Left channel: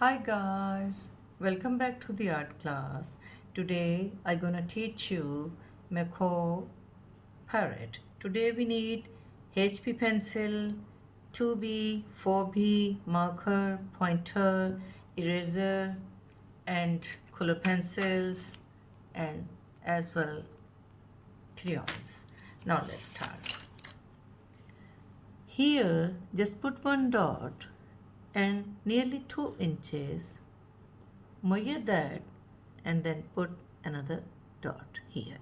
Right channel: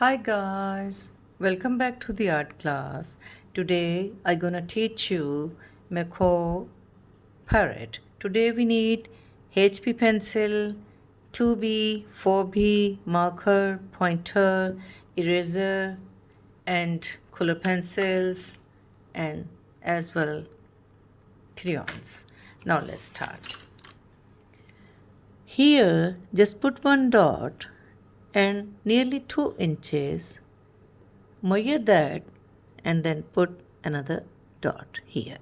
Hi guys, welcome back to the art class. Today I'm gonna teach you macaw parrot. Today we need HB pencil, 2B, 4B, marker, pointer, eraser, and color pencils, and as well crayons. Now let's start. Here, just put one dot and nearly 2 inches. Measure that and then put another dot here.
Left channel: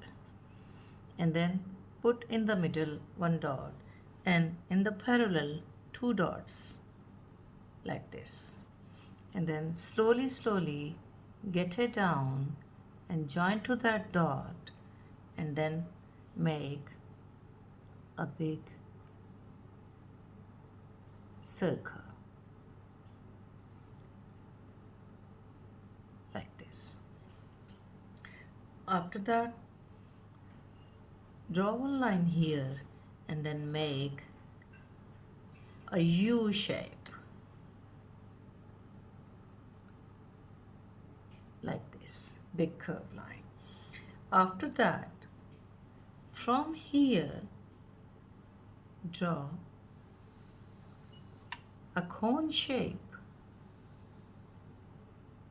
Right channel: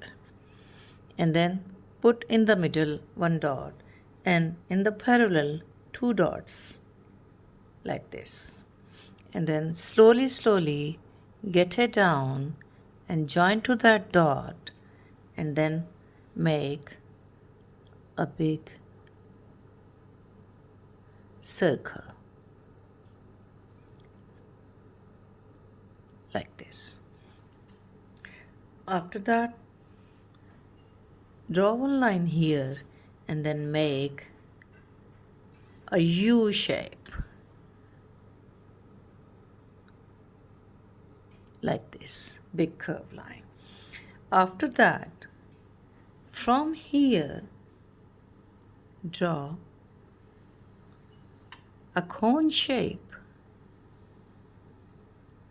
And then put in the middle one dot and in the parallel two dots like this. And then slowly get it down and join to that dot and then make a big circle like this. After that, draw one line here and then make a U shape like this, big curved line. After that, from here, draw a cone shape,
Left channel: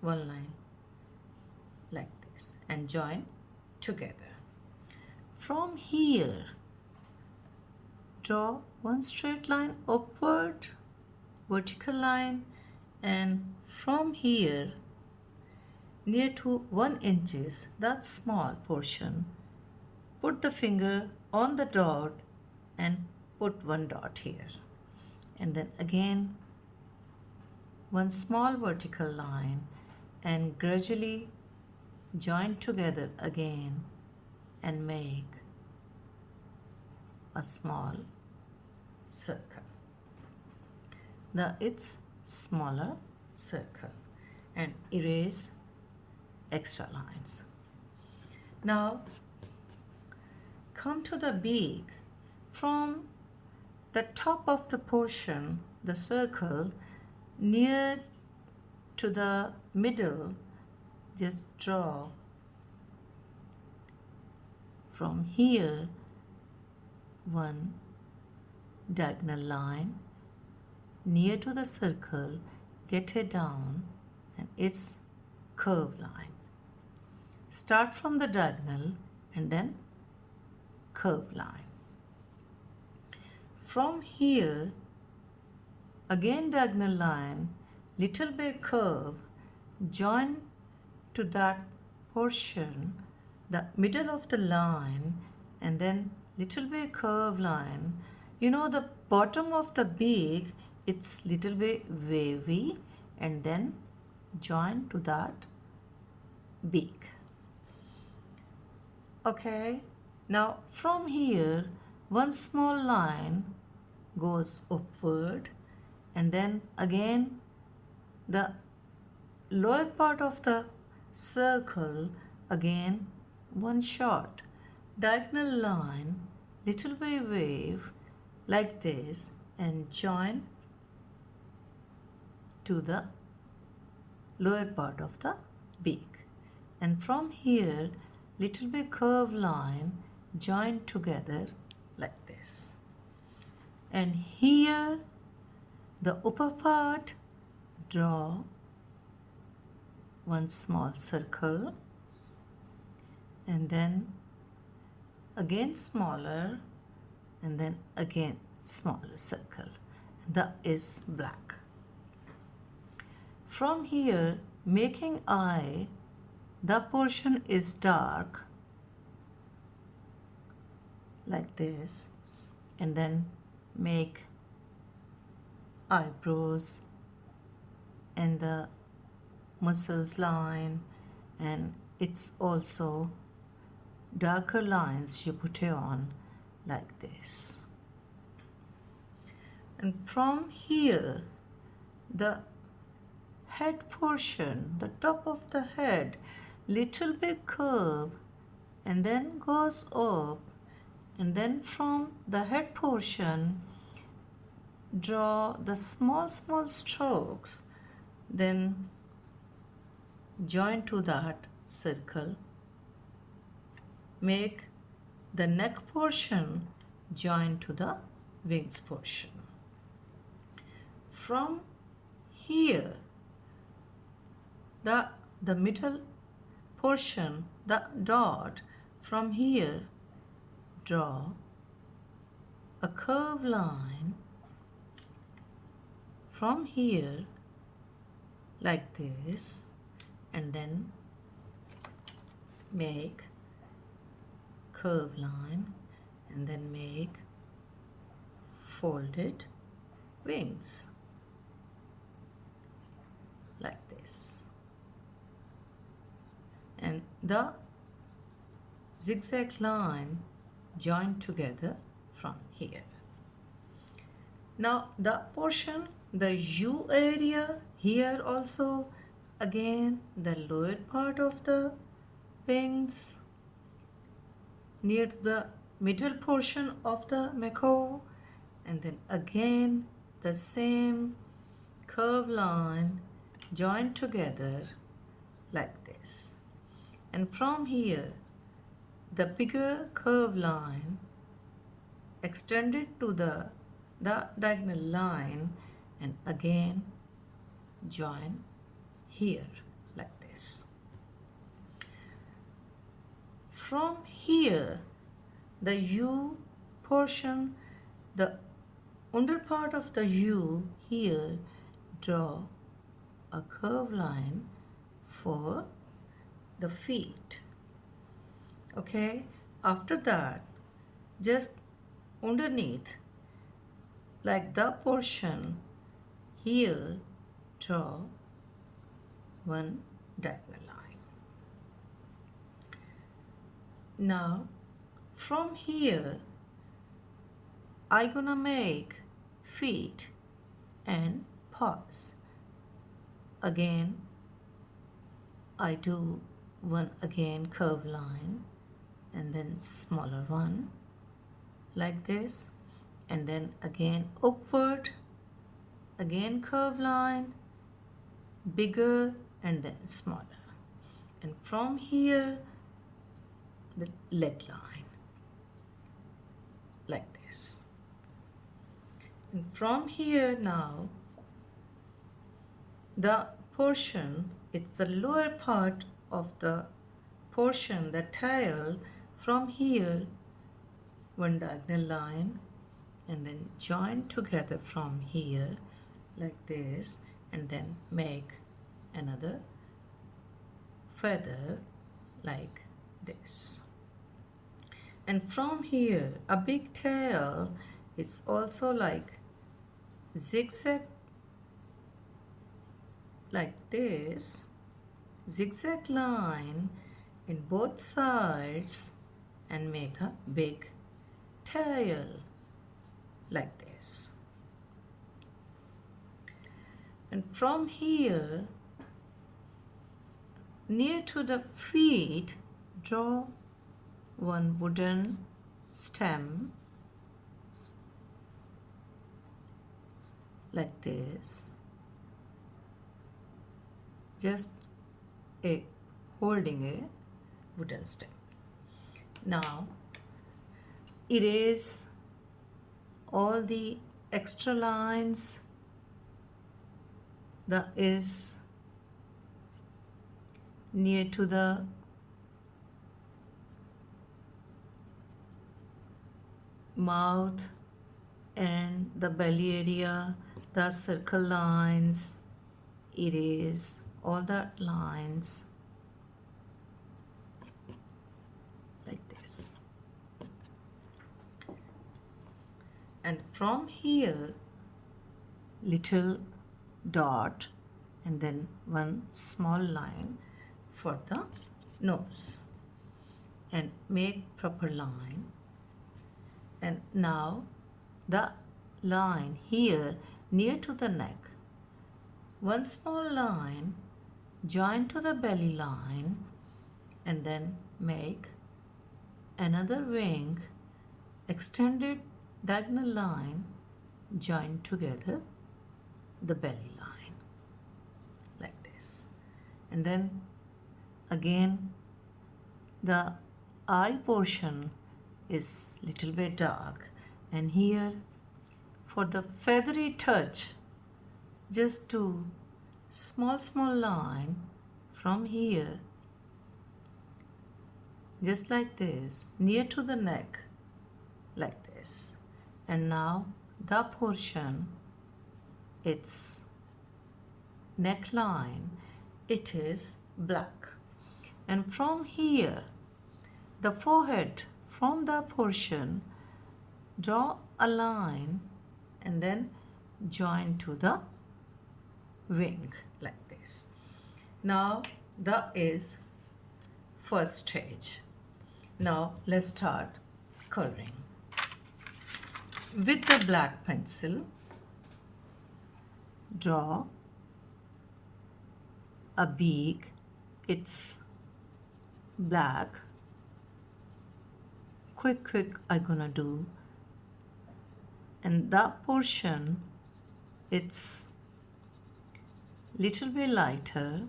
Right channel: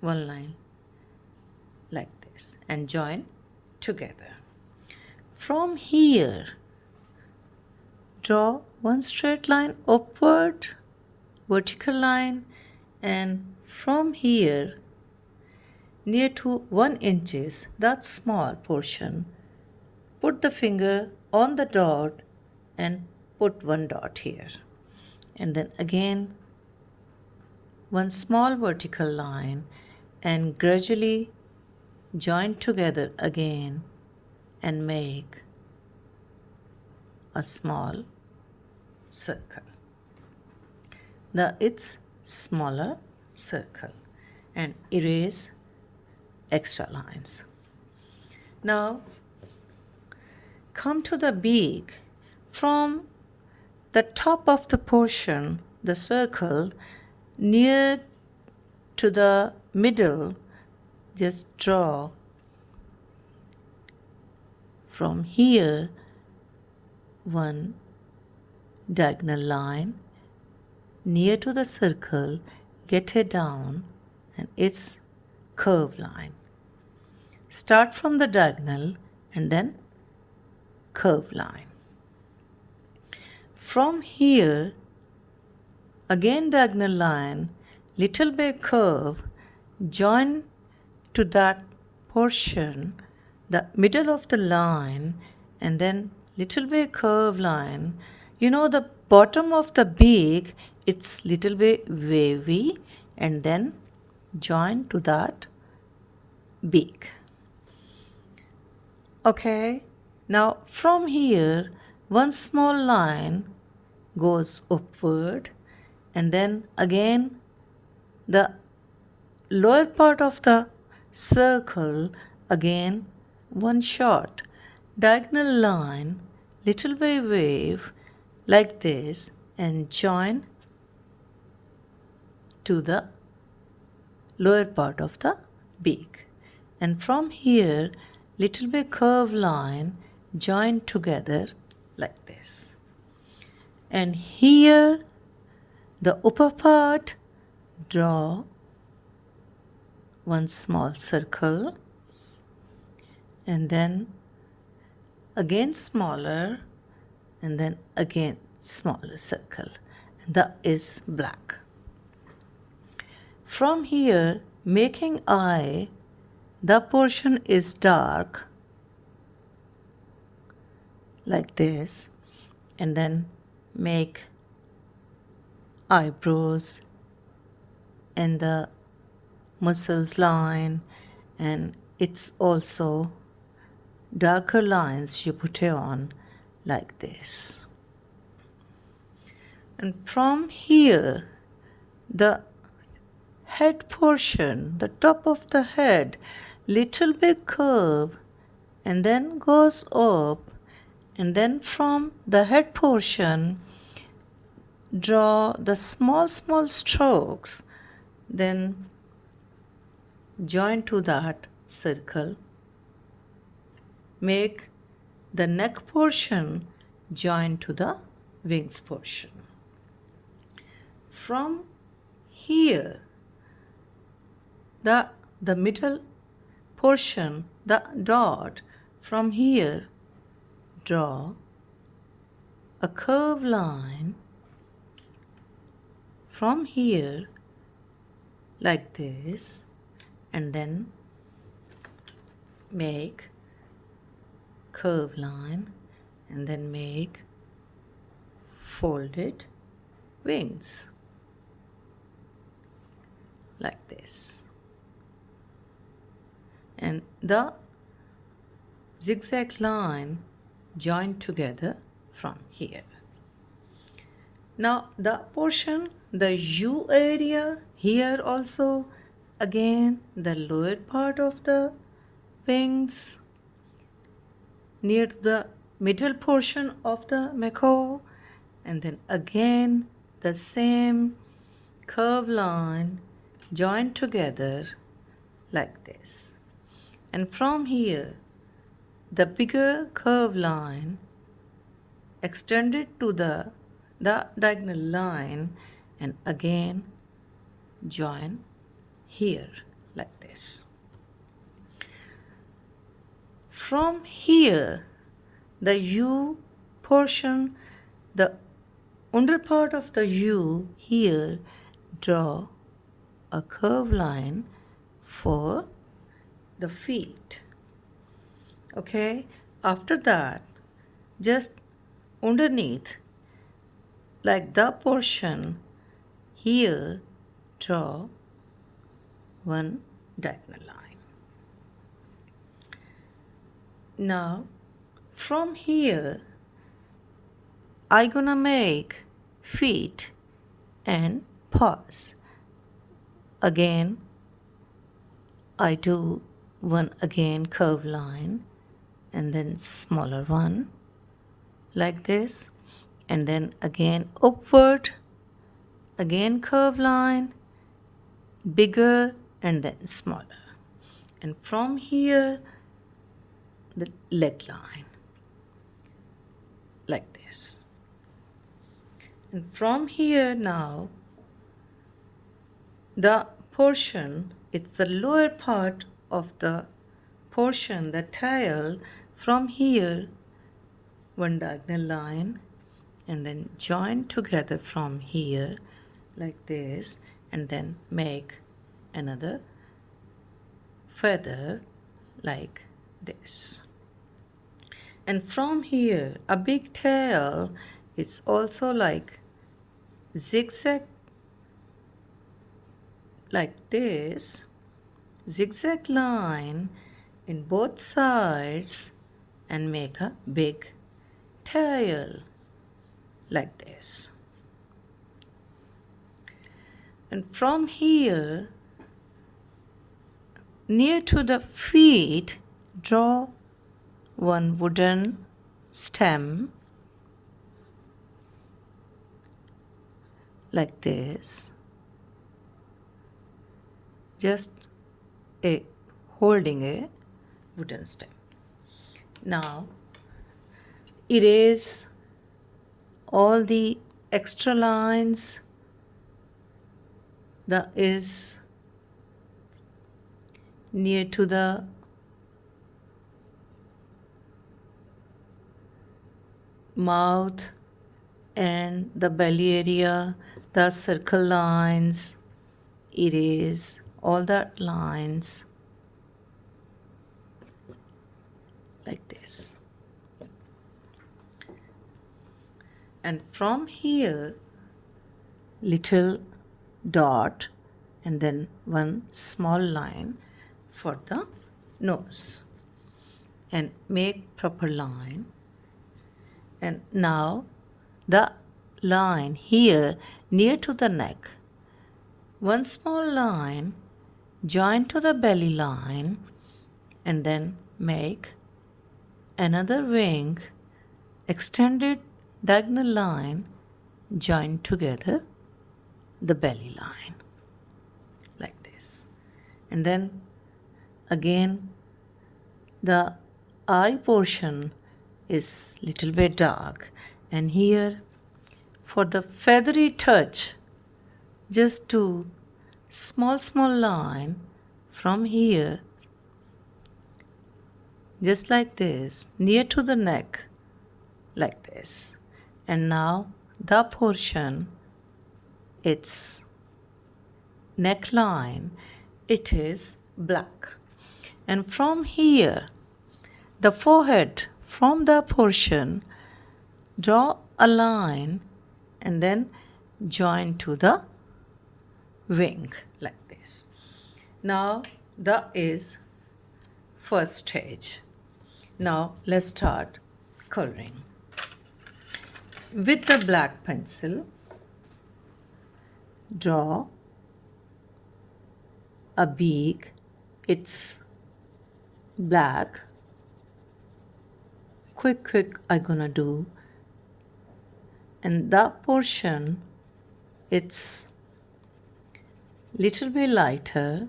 one line like this, and join together. From here, draw one straight line upward, vertical line, and from here, near to 1 inches, that small portion, put the finger on the dot and put one dot here. And then again, one small vertical line and gradually join together again and make a small circle. Now it's smaller circle and erase extra lines. Now come to the beak. From the top of the portion, the circle, near to the middle, just draw from here one diagonal line near to the circle, get it down, and it's curved line. Start from the diagonal and then curved line. From here, again diagonal line, little bit curve, join to that portion, the middle of the line, and then little bit curve line. You know the bottom of the beak, it's little bit wavy, and then join to that beak. Okay, now from here, one small line goes upward, and then again the lower part of the circle, again one short diagonal line, little bit wave like this, and join to the lower part of the beak. And from here, little bit curved line, join together like this. And here, the upper part, draw one small circle, and then again smaller, and then again smaller circle. And that is black. From here, making eye, the portion is dark like this, and then make eyebrows and the muscles line, and it's also darker lines you put it on like this. And from here, the head portion, the top of the head, little bit curve and then goes up, and then from the head portion, draw the small strokes, then join to that circle. Make the neck portion join to the wings portion. From here, the middle portion, the dot, from here draw a curved line from here like this, and then make curved line, and then make folded wings like this, and the zigzag line join together from here. Now the portion, the U area, here also again the lower part of the wings near the middle portion of the macaw, and then again the same curved line join together like this, and from here the bigger curved line extended to the diagonal line, and again join here like this. From here the U portion, the under part of the U, here draw a curved line for the feet. Okay, after that just underneath, like the portion, here draw one diagonal line. Now from here I gonna make feet and paws. Again I do one again curved line, and then smaller one like this, and then again upward, again curved line, bigger, and then smaller, and from here the leg line like this, and from here now the portion, it's the lower part of the portion, the tail, from here one diagonal line, and then join together from here like this, and then make another feather like this. And from here a big tail, it's also like zigzag like this, zigzag line in both sides, and make a big tail like this. And from here near to the feet draw one wooden stem like this, just holding a wooden stem. Now erase all the extra lines that is near to the mouth and the belly area, the circle lines, erase all the lines like this. And from here little dot, and then one small line for the nose, and make proper line. And now the line here near to the neck, one small line join to the belly line, and then make another wing extended diagonal line join together the belly line like this, and then again the eye portion is little bit dark, and here for the feathery touch, just do small line from here, just like this, near to the neck, like this. And now the portion, its neckline, it is black. And from here, the forehead, from the portion, draw a line and then join to the wing like this. Now that is first stage. Now let's start coloring. With the black pencil, draw a beak. It's black. Quick I'm gonna do. And that portion, it's little bit lighter.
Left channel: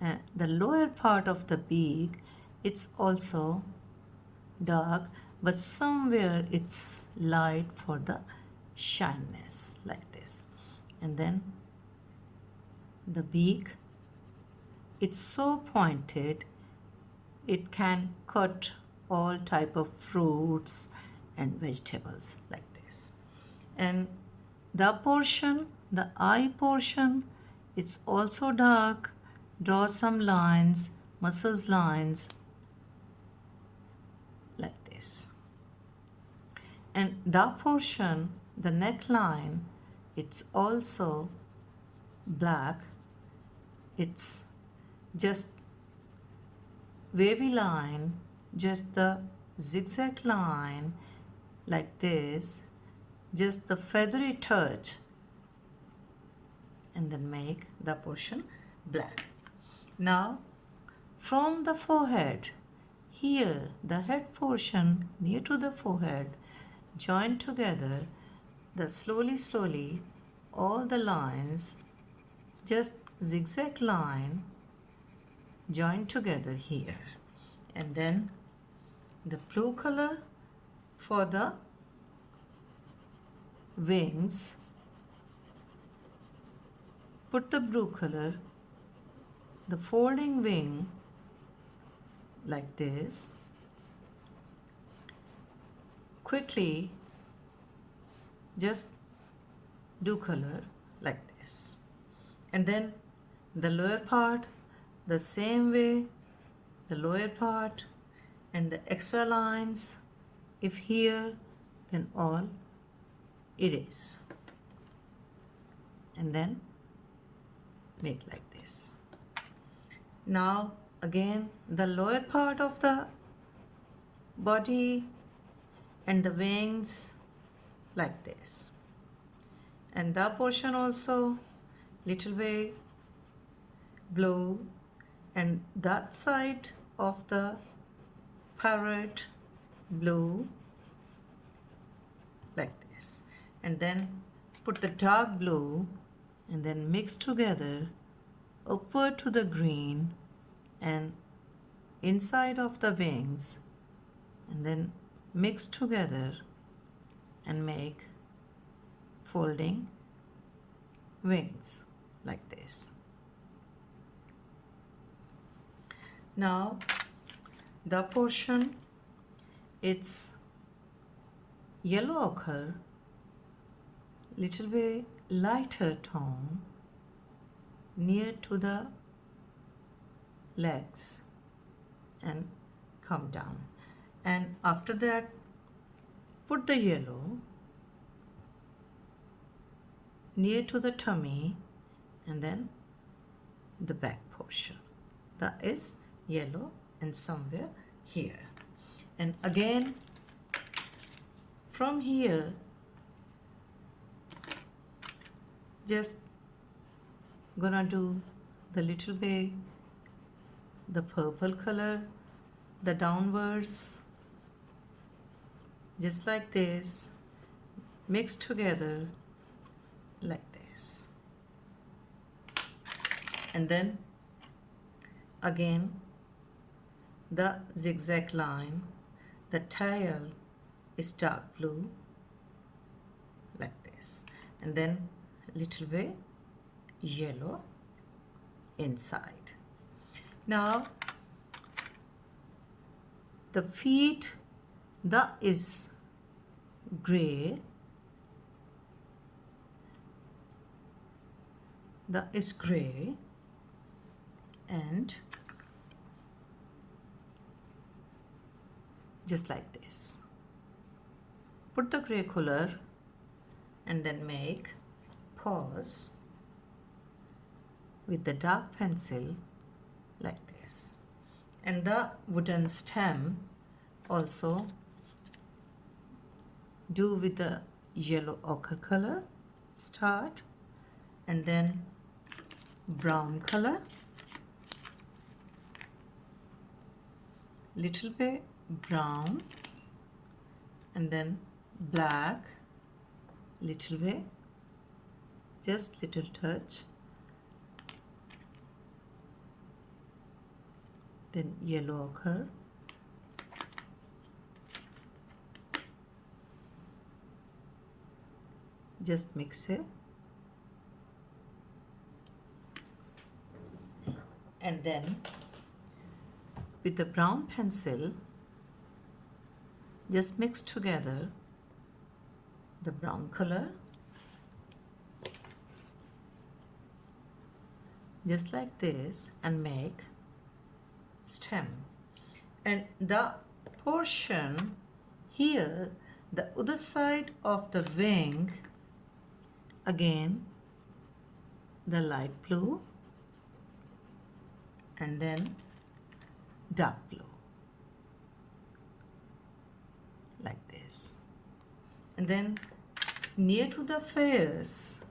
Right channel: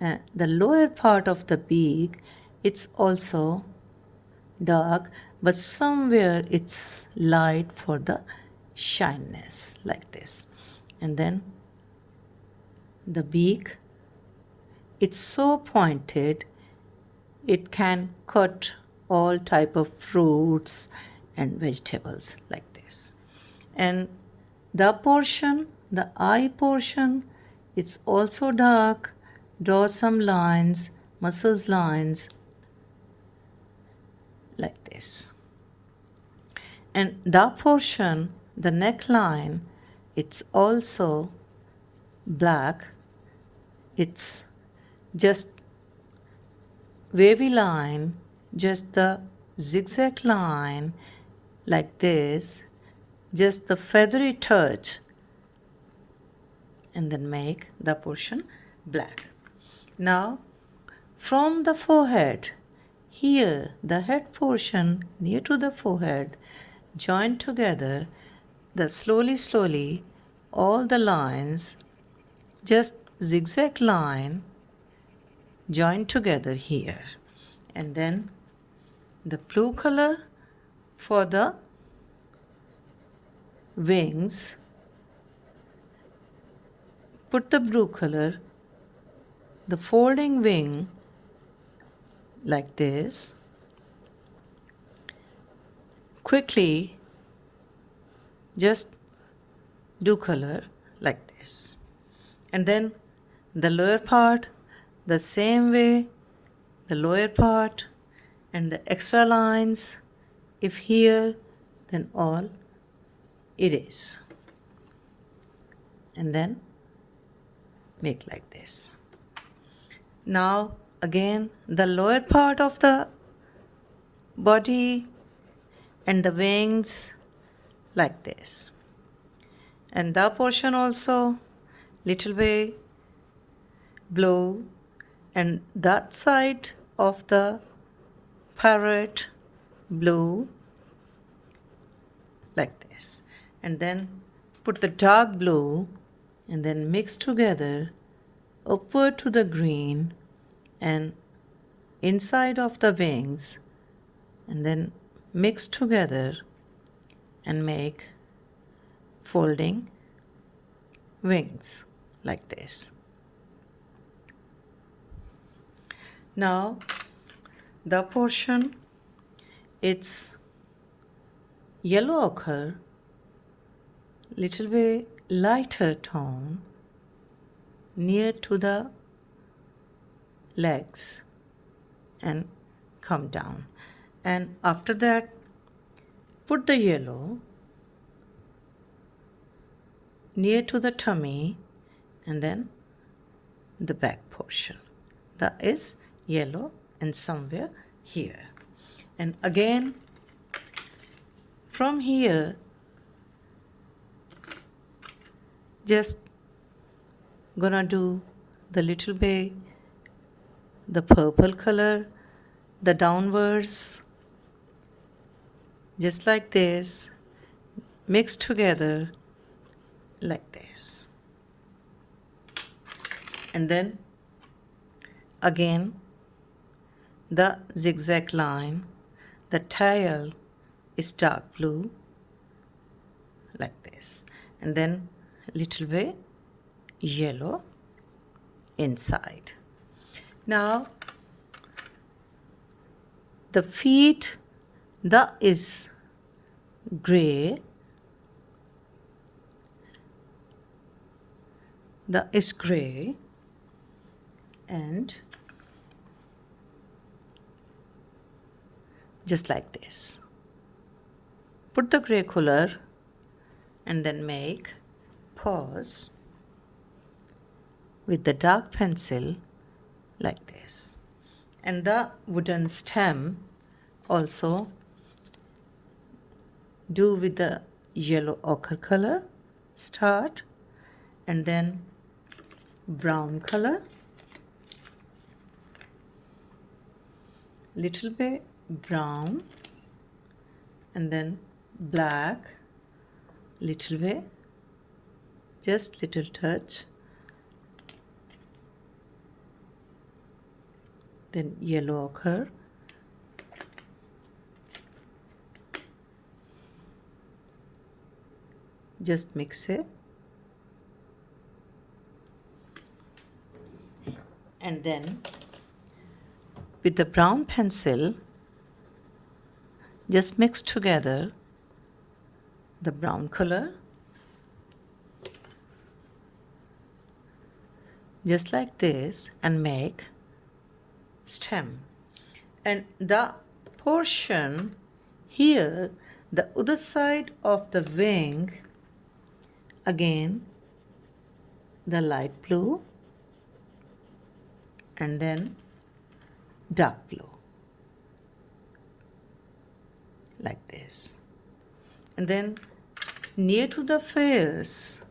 And the lower part of the beak, it's also dark, but somewhere it's light for the shyness, like this. And then the beak, it's so pointed, it can cut all type of fruits and vegetables like this. And the portion, the eye portion, it's also dark. Draw some lines, muscles lines like this. And the portion, the neckline, it's also black. It's just wavy line, just the zigzag line like this, just the feathery touch, and then make the portion black. Now from the forehead, here the head portion near to the forehead, join together the slowly all the lines, just zigzag line, join together here. And then the blue color for the wings, put the blue color, the folding wing like this. Quickly just do color like this. And then the lower part, the same way, the lower part and the extra lines, if here, then all erase. And then make like this. Now again the lower part of the body and the wings like this. And the portion also little bit blue, and that side of the parrot blue like this. And then put the dark blue and then mix together upward to the green and inside of the wings, and then mix together and make folding wings like this. Now the portion, it's yellow ochre, little bit lighter tone near to the legs and come down. And after that put the yellow near to the tummy and then the back portion, that is yellow, and somewhere here. And again from here just gonna do the little bit the purple color, the downwards, just like this, mix together like this. And then again the zigzag line, the tail is dark blue like this, and then little bit yellow inside. Now the feet, the is gray, the is gray, and just like this. Put the gray color and then make paws with the dark pencil like this. And the wooden stem also do with the yellow ochre color. Start, and then brown color, little bit brown, and then black, little bit, just little touch, then yellow ochre, just mix it, and then with the brown pencil just mix together the brown color just like this and make stem. And the portion here, the other side of the wing, again the light blue and then dark blue like this. And then near to the face,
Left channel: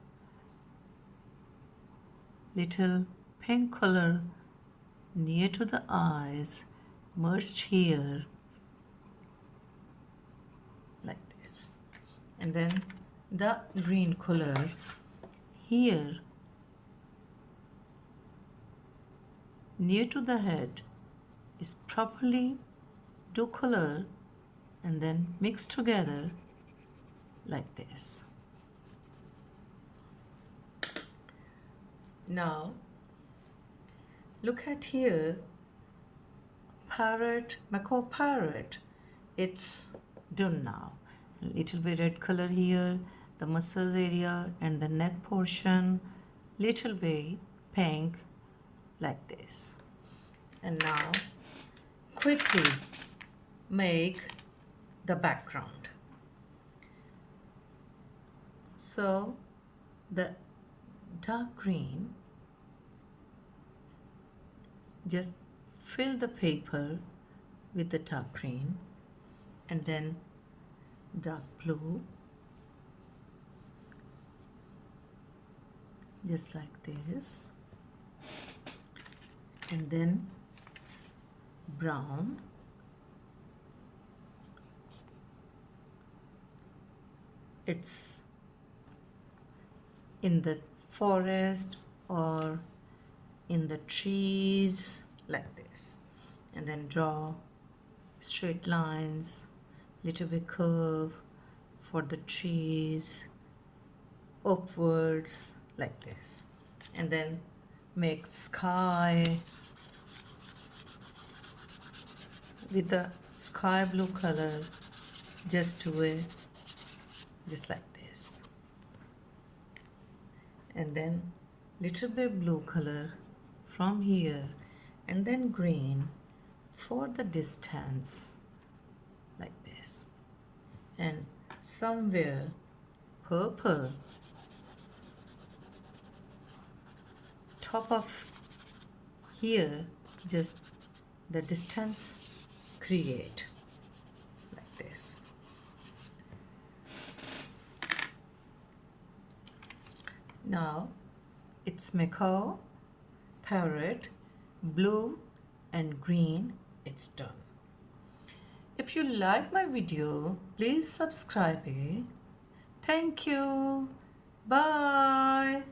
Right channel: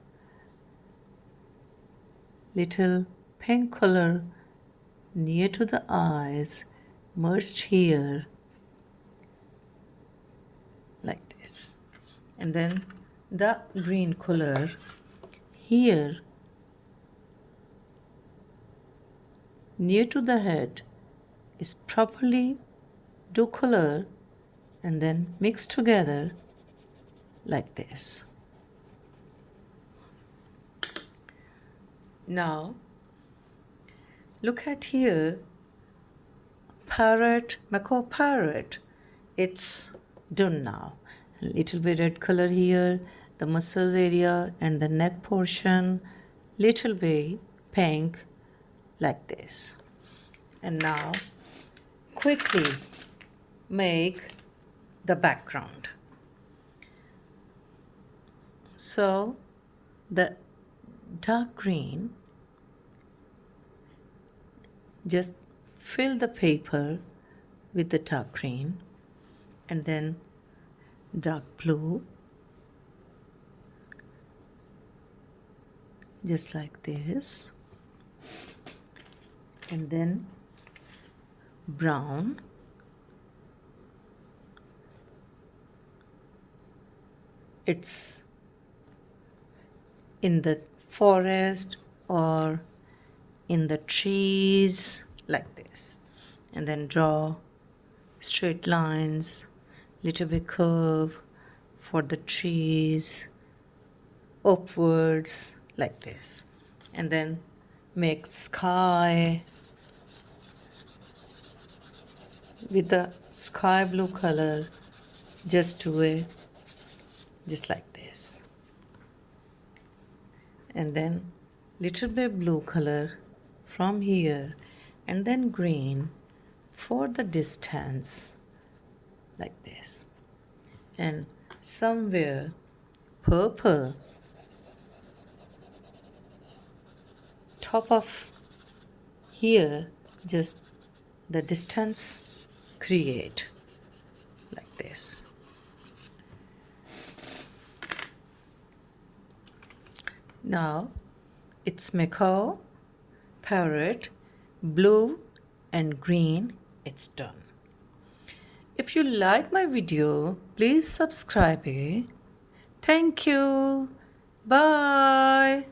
little pink color near to the eyes merged here like this. And then the green color here near to the head is properly do color and then mix together like this. Now look at here, parrot, macaw parrot, it's done now. A little bit red color here, the muscles area and the neck portion, little bit pink like this. And now quickly make the background. So the dark green, just fill the paper with the dark green and then dark blue just like this, and then brown, it's in the forest or in the trees like this, and then draw straight lines, little bit curve for the trees upwards like this, and then make sky with the sky blue color, just do it just like this, and then little bit blue color from here and then green for the distance like this, and somewhere purple top of here, just the distance create like this. Now it's macaw, parrot, blue and green, it's done. If you like my video, please subscribe it. Thank you. Bye.